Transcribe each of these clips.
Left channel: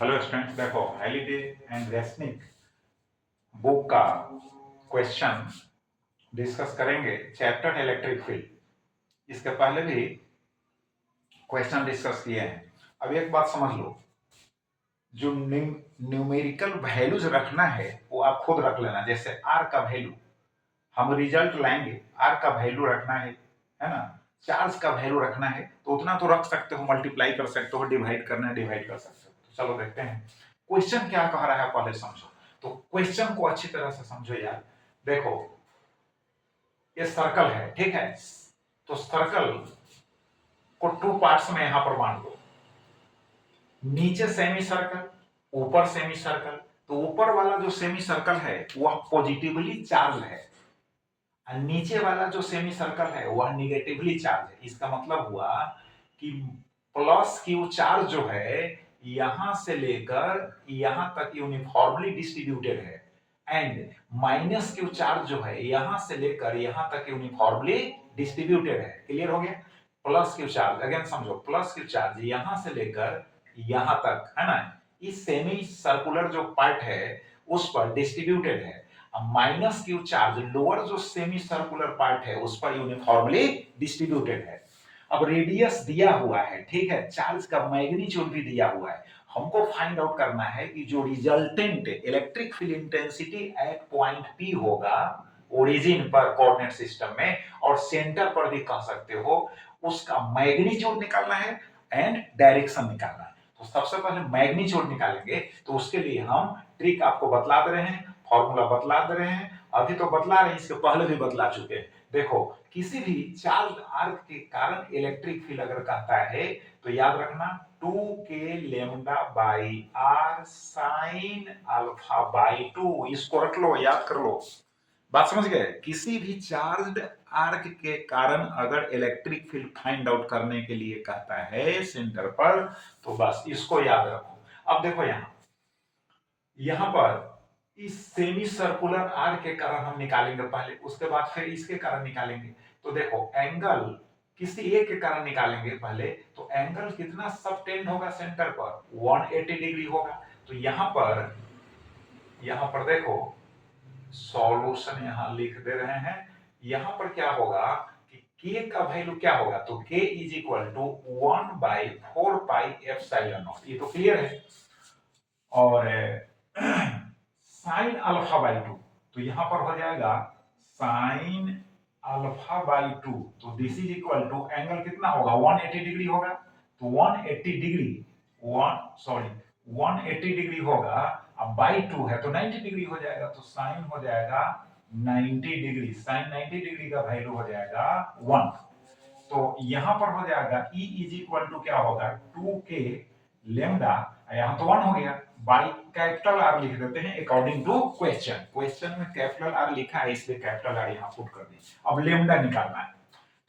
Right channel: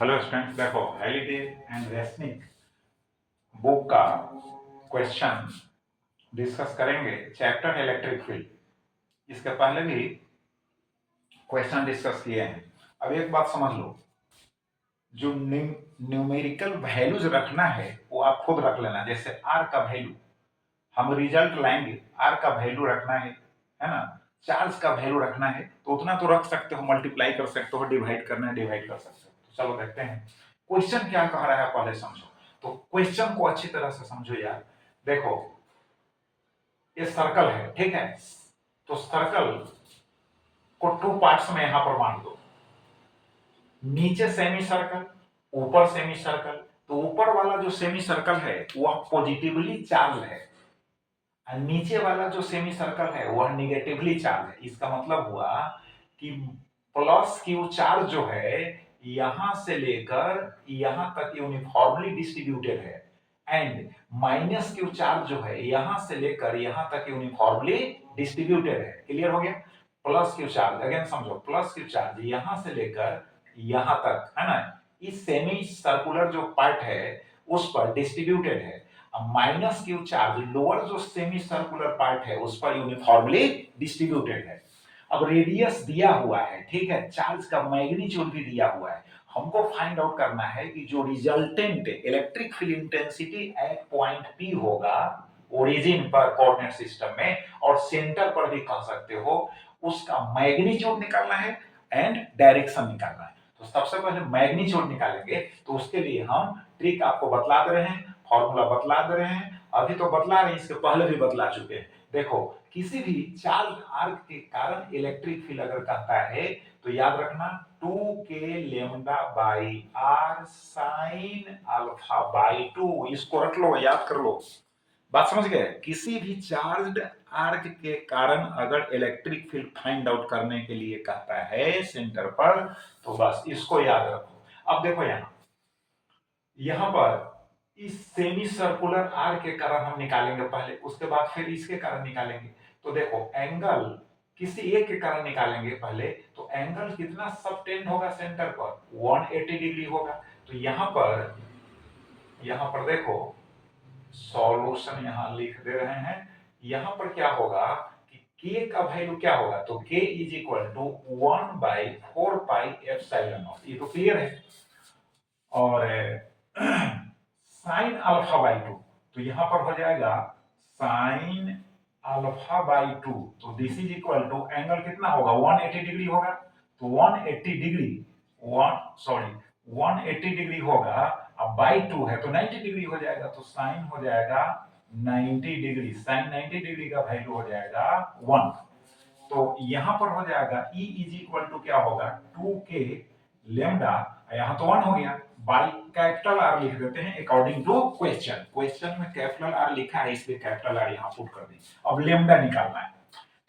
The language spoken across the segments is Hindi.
हेलो स्टूडेंट्स, देखो हाइलिडे एंड रेसनिक बुक का क्वेश्चन डिस्कस करेंगे। चैप्टर इलेक्ट्रिक फील्ड, इसके पहले भी क्वेश्चन डिस्कस किए हैं। अब एक बात समझ लो, जो न्यूमेरिकल वैल्यूज रखना है वो आप खुद रख लेना। जैसे आर का वैल्यू हम रिजल्ट लाएंगे, आर का वैल्यू रखना है ना। चार्ज का वैल्यू रखना है तो उतना तो रख सकते हो, मल्टीप्लाई कर सकते हो, डिवाइड करना है डिवाइड कर सकते हो। तो चलो देखते हैं क्वेश्चन क्या कह रहा है, पहले समझो। तो क्वेश्चन को अच्छी तरह से समझो यार। देखो ये सर्कल है, ठीक है। तो सर्कल को टू पार्ट्स में यहां पर बांट दो। नीचे सेमी सर्कल, ऊपर सेमी सर्कल। तो ऊपर वाला जो सेमी सर्कल है वह पॉजिटिवली चार्ज है, नीचे वाला जो सेमी सर्कल है वह निगेटिवली चार्ज है। इसका मतलब हुआ कि प्लस क्यू चार्ज जो है यहां से लेकर यहां तक यूनिफॉर्मली डिस्ट्रीब्यूटेड है, एंड माइनस क्यू चार्ज जो है यहां से लेकर यहां तक यूनिफॉर्मली डिस्ट्रीब्यूटेड है। क्लियर हो गया? प्लस क्यू चार्ज अगेन समझो, प्लस क्यू चार्ज यहां से लेकर यहां तक है ना, इस सेमी सर्कुलर जो पार्ट है उस पर डिस्ट्रीब्यूटेड है। माइनस क्यू चार्ज लोअर जो सेमी सर्कुलर पार्ट है उस पर यूनिफॉर्मली डिस्ट्रीब्यूटेड है। अब रेडियस दिया हुआ है, ठीक है, चार्ज का मैग्नीट्यूड भी दिया हुआ है। हमको फाइंड आउट करना है कि जो resultant electric field intensity at point P होगा ओरिजिन पर कोऑर्डिनेट सिस्टम में, और सेंटर पर भी कह सकते हो, उसका मैग्नीट्यूड निकालना है एंड डायरेक्शन निकालना है। तो सबसे पहले मैग्नीट्यूड निकालेंगे, तो उसके लिए हम ट्रिक आपको बतला दे रहे हैं, फॉर्मूला बतला दे रहे हैं। अभी तो बतला रहे हैं, इसके पहले भी बतला चुके हैं। देखो किसी भी चार्ज आर्क के कारण इलेक्ट्रिक फील्ड अगर कहता है तो याद रखना 2k lambda by r sine alpha by 2। इसको रख लो, याद कर लो। बात समझ गए? किसी भी चार्ज आर्क के कारण अगर इलेक्ट्रिक फील्ड फाइंड आउट करने के लिए कहता है सेंटर पर, तो बस इसको याद रखो। अब देखो यहां पर इस सेमी सर्कुलर आर के कारण हम निकालेंगे पहले, उसके बाद फिर इसके कारण निकालेंगे। तो देखो एंगल किसी एक के कारण निकालेंगे पहले, तो एंगल कितना सबटेंड होगा सेंटर पर 180 डिग्री होगा। तो यहां पर देखो सॉल्यूशन यहां लिख दे रहे हैं। यहां पर क्या होगा कि k का वैल्यू क्या होगा, तो k is equal to 1/4 pi epsilon nought. ये तो क्लियर है। और साइन अल्फा बाई 2, तो यहां पर हो जाएगा साइन अल्फा बाई 2। तो this is equal to angle कितना होगा, 180 डिग्री होगा। तो 180 डिग्री 180 डिग्री होगा। अब बाई 2 है तो 90 डिग्री हो जाएगा। तो साइन हो जाएगा 90 डिग्री, साइन 90 डिग्री का वैल्यू हो जाएगा 1। तो यहां पर हो जाएगा E इज इक्वल टू क्या होगा, 2k लेमडा, यहां तो 1 हो गया, बाई कैपिटल आर लिख देते हैं अकॉर्डिंग टू क्वेश्चन। क्वेश्चन में कैपिटल आर लिखा है इसलिए कैपिटल आर यहां पुट कर दें। अब लेमडा निकालना है,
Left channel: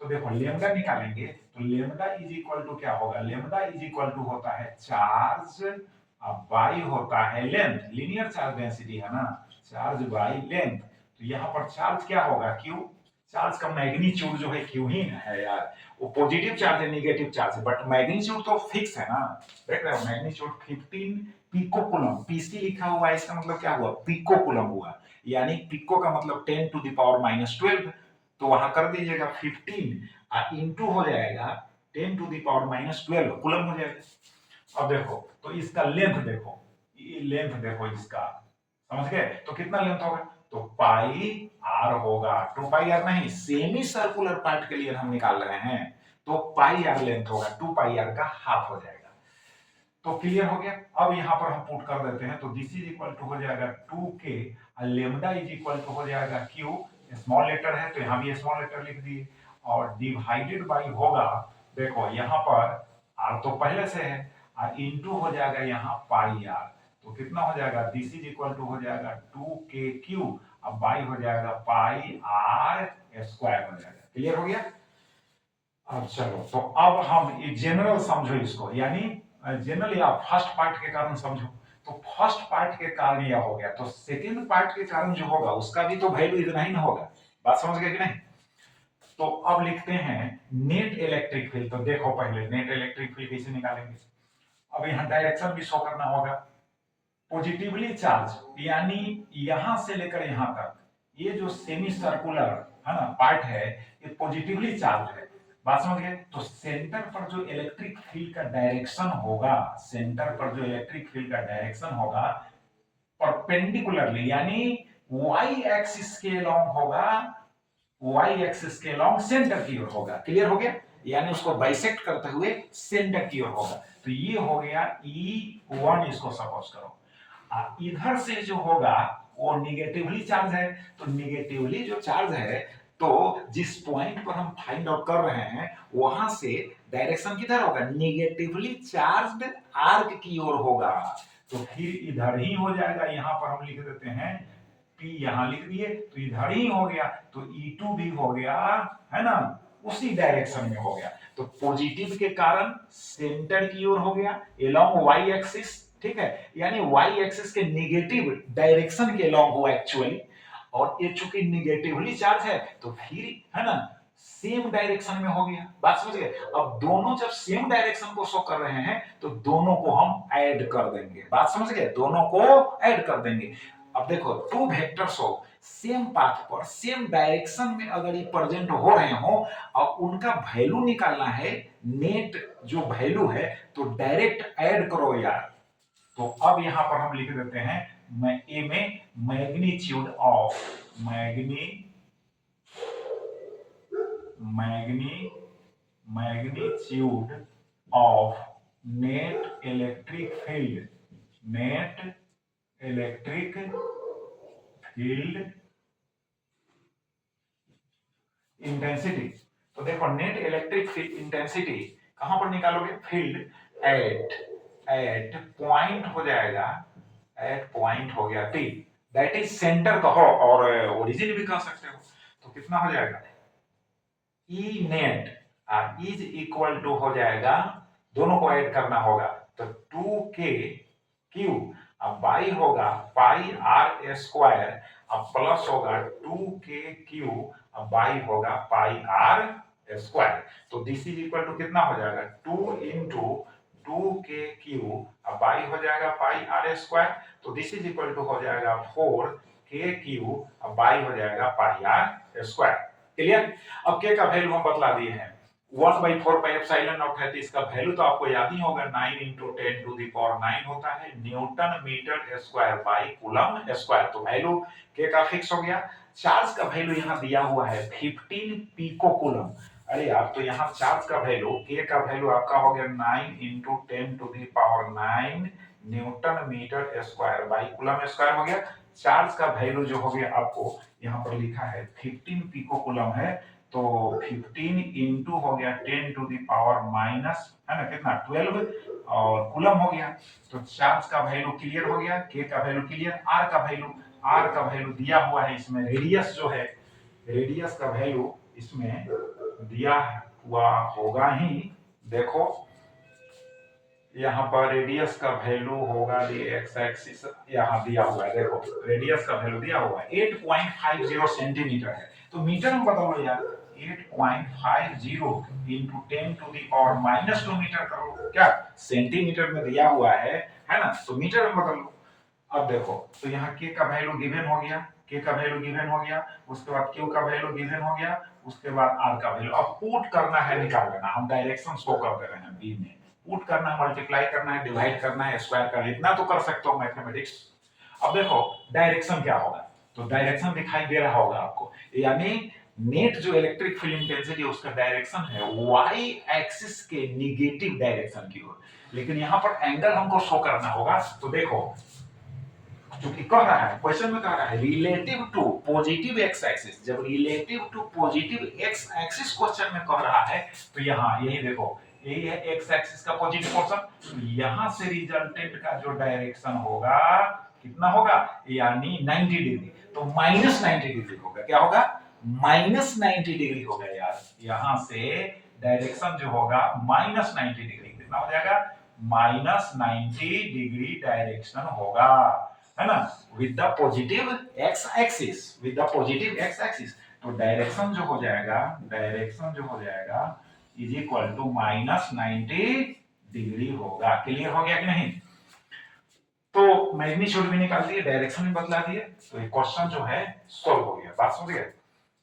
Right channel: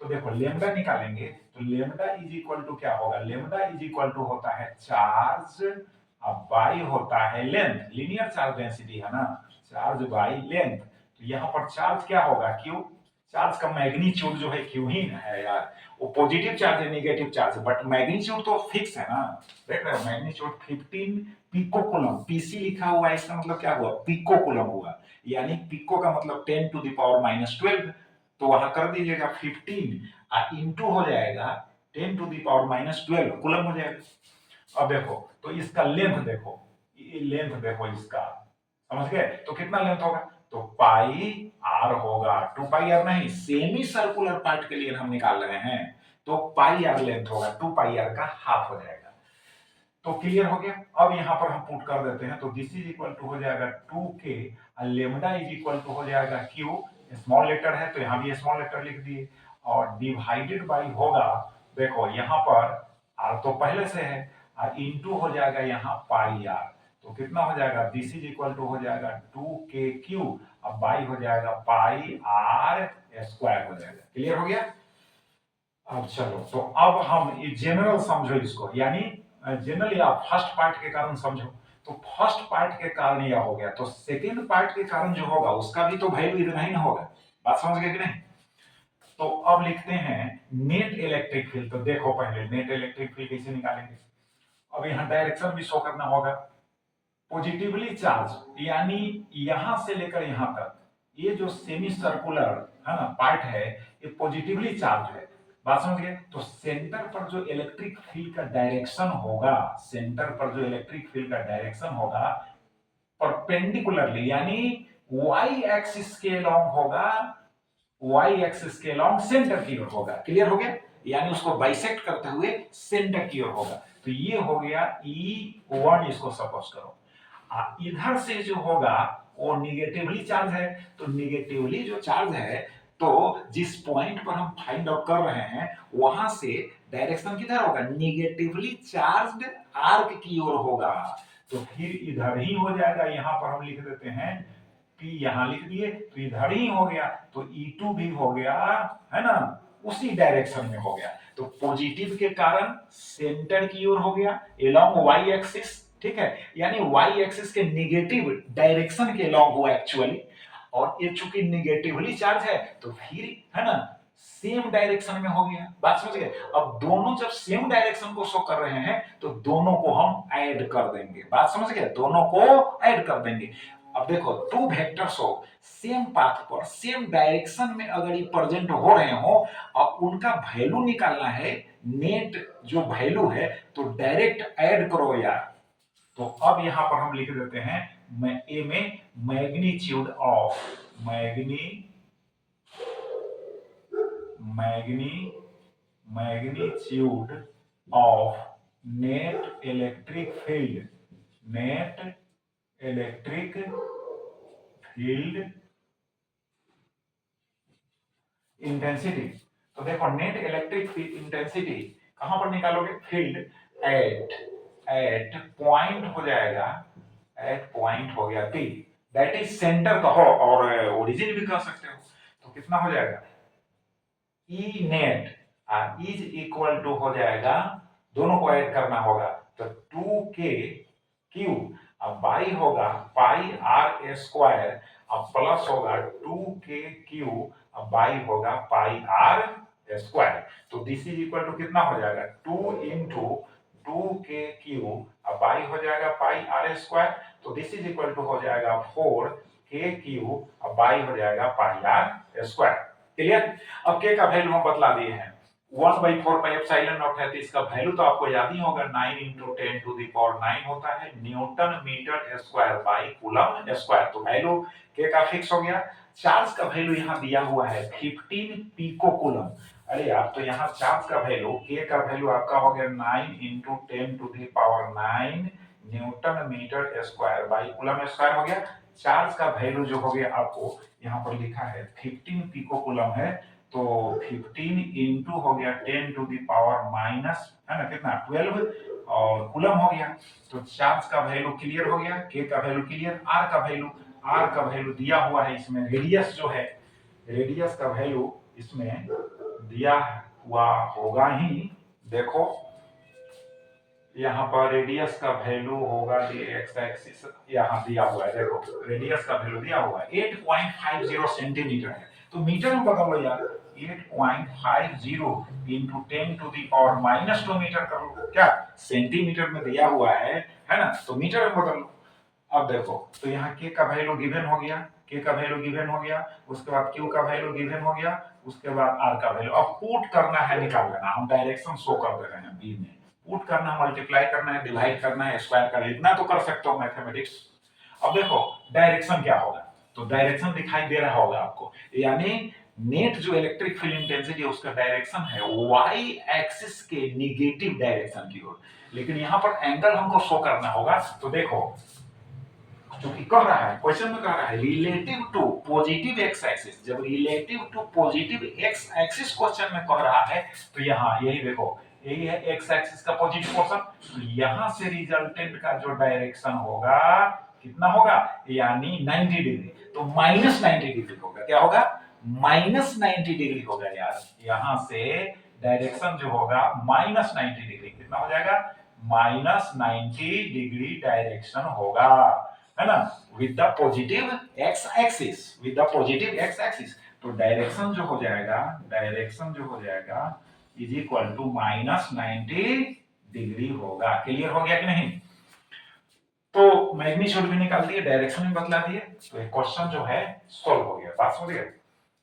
तो देखो लेमडा निकालेंगे तो लेमडा इज इक्वल टू क्या होगा, लेमडा इज इक्वल टू होता है चार्ज, अब बाई होता है लेंथ, लीनियर चार्ज डेंसिटी है ना, चार्ज बाई लेंथ। तो यहां पर चार्ज क्या होगा, क्यू। चार्ज का मैग्नीट्यूड जो है क्यू ही है यार, वो पॉजिटिव चार्ज है नेगेटिव चार्ज है, बट मैग्नीट्यूड तो फिक्स है ना। देख रहे हो मैग्नीट्यूड 15 पिको कूलम, पीसी लिखा हुआ है, इसका मतलब क्या हुआ, पिको कूलम हुआ। यानी पिको का मतलब 10 टू द पावर -12। तो वहां कर दीजिएगा 15 इंटू हो जाएगा 10 टू द पावर -12 कूलम हो जाएगा। अब देखो तो इसका लेंथ देखो, ये लेंथ देखो इसका, समझ गए? तो कितना लेंथ होगा, तो पाई आर होगा। 2 पाई आर नहीं, सेमी सर्कुलर पार्ट के लिए हम निकाल रहे हैं, तो पाई आर लेंथ होगा, 2 पाई आर का हाफ हो जाएगा। तो क्लियर हो गया। अब यहां पर हम पुट कर देते हैं, तो दिस इज इक्वल टू हो जाएगा 2k, lambda is equal to हो जाएगा q, स्मॉल लेटर है तो यहां भी स्मॉल लेटर लिख दिए, और डिवाइडेड बाई होगा, देखो यहां पर r तो पहले से है, और इनटू हो जाएगा यहां पाई r। तो कितना हो जाएगा, दिस इज इक्वल टू हो जाएगा 2kq, अब बाई हो जाएगा पाई r स्क्वायर हो जाएगा। क्लियर हो गया? अब चलो, तो अब हम ये जनरल समझो इसको, यानी जनरली आप फर्स्ट पार्ट के कारण समझो। तो फर्स्ट पार्ट के कारण यह हो गया, तो सेकेंड पार्ट के कारण जो होगा उसका भी तो वैल्यू इतना ही ना होगा। बात समझ गए कि नहीं? तो अब लिखते हैं नेट इलेक्ट्रिक फील्ड। तो देखो पहले नेट इलेक्ट्रिक फील्ड कैसे निकालेंगे। अब यहाँ डायरेक्शन भी शो करना होगा। पॉजिटिवली चार्ज यानी यहां से लेकर यहां तक ये जो सेमी सर्कुलर है ना पार्ट है, ये पॉजिटिवली चार्ज है। बात समझ गए? तो सेंटर पर जो इलेक्ट्रिक फील्ड का डायरेक्शन होगा, सेंटर पर जो इलेक्ट्रिक फील्ड का डायरेक्शन होगा परपेंडिकुलरली यानी वाई एक्सिस के अलोंग होगा, वाई एक्सिस के अलोंग सेंटर की ओर होगा। क्लियर हो गया? यानी उसको बाइसेक्ट करते हुए सेंटर की ओर होगा। तो ये हो गया E1, इसको सपोज करो। इधर से जो होगा वो निगेटिवली चार्ज है, तो निगेटिवली जो चार्ज है तो जिस पॉइंट पर हम फाइंड आउट कर रहे हैं वहां से डायरेक्शन किधर होगा? निगेटिवली चार्ज्ड आर्क की ओर होगा। तो फिर इधर ही हो जाएगा। यहां पर हम लिख देते हैं P, यहां लिख दिए तो इधर ही हो गया, तो E2 भी हो गया, है ना, उसी डायरेक्शन में हो गया। तो पॉजिटिव के कारण सेंटर की ओर हो गया एलोंग वाई एक्सिस, ठीक है, यानी वाई एक्सिस के निगेटिव डायरेक्शन के अलोंग हुआ एक्चुअली। और ये चूंकि निगेटिवली चार्ज है तो फिर है ना सेम डायरेक्शन में हो गया। बात समझ गए? अब दोनों जब सेम डायरेक्शन को शो कर रहे हैं तो दोनों को हम ऐड कर देंगे। बात समझ गए? दोनों को ऐड कर देंगे। अब देखो टू वेक्टर्स हो सेम पाथ पर सेम डायरेक्शन में अगर ये प्रेजेंट हो रहे हो, अब उनका वैल्यू निकालना है, नेट जो वैल्यू है, तो डायरेक्ट ऐड करो यार। तो अब यहां पर हम लिख देते हैं ए में magnitude of magnitude of net electric field intensity. तो देखो नेट इलेक्ट्रिक फील्ड इंटेंसिटी कहां पर निकालोगे? फील्ड एट पॉइंट हो जाएगा, एट पॉइंट हो गया P, दैट इज सेंटर कहो और ओरिजिन भी कह सकते हो। तो कितना हो जाएगा? E net is equal to हो जाएगा, दोनों को ऐड करना होगा तो 2k Q, अब बाई होगा पाई आर स्क्वायर, अब प्लस होगा 2k Q, अब बाई होगा पाई आर स्क्वायर। तो दिस इज इक्वल टू कितना हो जाएगा? 2 इंटू 2k Q, अब बाई हो जाएगा पाई आर स्क्वायर, तो दिस इज इक्वल टू हो जाएगा 4kQ, अब बाई हो जाएगा पाई आर स्क्वायर। क्लियर? अब के का वैल्यू हम बतला दिए हैं 1/4 पाई एप्सिलॉन नॉट है, तो इसका वैल्यू तो आपको याद ही होगा 9 × 10⁹ होता है newton metre square by coulomb square. तो वैल्यू के का फिक्स हो गया। चार्ज का वैल्यू यहाँ दिया हुआ है 15 पिको कूलम। अरे यार, तो यहाँ चार्ज का वैल्यू के का वैल्यू आपका हो गया 9 × 10⁹ newton metre square by coulomb square हो गया। चार्ज का वैल्यू जो हो गया आपको यहाँ पर लिखा है 15 पिको कूलम है, तो 15 इंटू हो गया 10⁻⁻, है ना, कितना 12 और कूलम हो गया। तो चार्ज का वैल्यू क्लियर हो गया, के का वैल्यू क्लियर, आर का वैल्यू दिया हुआ है इसमें, रेडियस जो है, रेडियस का वैल्यू इसमें दिया हुआ होगा ही। देखो यहाँ पर रेडियस का वैल्यू होगा, एक्स एक्सिस यहाँ दिया हुआ है, देखो रेडियस का वैल्यू दिया हुआ है 8.50 सेंटीमीटर है। तो मीटर में बदल लो यार, 8.50 इंटू 10⁻⁻2 मीटर कर लो, क्या सेंटीमीटर में दिया हुआ है ना, तो मीटर में बदल लो। अब देखो तो यहाँ के का वैल्यू गिवन हो गया, के का वैल्यू गिवन हो गया, उसके बाद क्यू का वैल्यू गिवन हो गया, उसके बाद आर का वैल्यू। अब पुट करना है, निकाल लेना, हम डायरेक्शन शो कर दे रहे हैं बी में, पुट करना है, मल्टीप्लाई करना है, डिवाइड करना है, स्क्वायर करना है, इतना तो कर सकते हो मैथमेटिक्स। अब देखो डायरेक्शन क्या होगा, तो डायरेक्शन दिखाई दे रहा होगा आपको, यानी नेट जो इलेक्ट्रिक फील्ड इंटेंसिटी उसका डायरेक्शन है वाई एक्सिस के निगेटिव डायरेक्शन की ओर। लेकिन यहां पर एंगल हमको शो करना होगा, तो देखो क्योंकि कह रहा है, क्वेश्चन में कह रहा है relative to positive X axis, जब relative to positive X axis question में कह रहा है, तो यहाँ यही देखो, यही है एक्स एक्सिस का पॉजिटिव पोर्शन, तो यहां से रिजल्टेंट का जो डायरेक्शन होगा कितना होगा, यानी 90 डिग्री, तो -90 डिग्री होगा। क्या होगा? -90 डिग्री होगा यार, यहां से डायरेक्शन जो होगा -90 डिग्री, कितना हो जाएगा? -90 डिग्री डायरेक्शन होगा, है ना, with the positive X axis. तो डायरेक्शन जो हो जाएगा इज इक्वल टू -90 डिग्री होगा। क्लियर हो गया कि नहीं? तो मैग्नीट्यूड भी निकाल दिए, डायरेक्शन भी बदला दिए, तो ये क्वेश्चन जो है सॉल्व हो गया। बात समझ गए?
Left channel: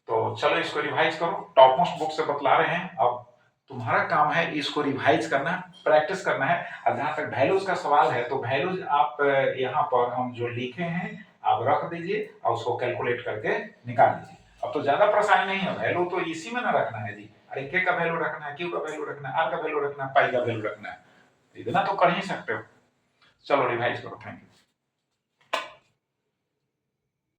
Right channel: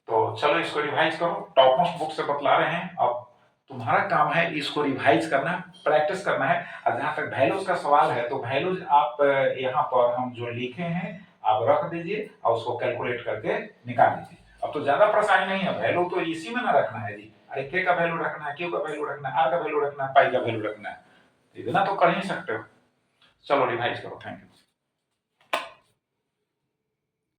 तो चलो इसको रिवाइज करो, टॉप मोस्ट बुक से बतला रहे हैं। अब तुम्हारा काम है इसको रिवाइज करना, प्रैक्टिस करना है। और जहां तक वैल्यूज का सवाल है, तो वैल्यूज आप यहाँ पर हम जो लिखे हैं आप रख दीजिए और उसको कैलकुलेट करके निकाल दीजिए। अब तो ज्यादा परेशानी नहीं है, वैल्यू तो इसी में ना रखना है जी। अरे के का वैल्यू रखना है, क्यू का वैल्यू रखना है, आर का वैल्यू रखना है, पाई का वैल्यू रखना है, इतना तो कर ही सकते हो। चलो रिवाइज करो। Thank you.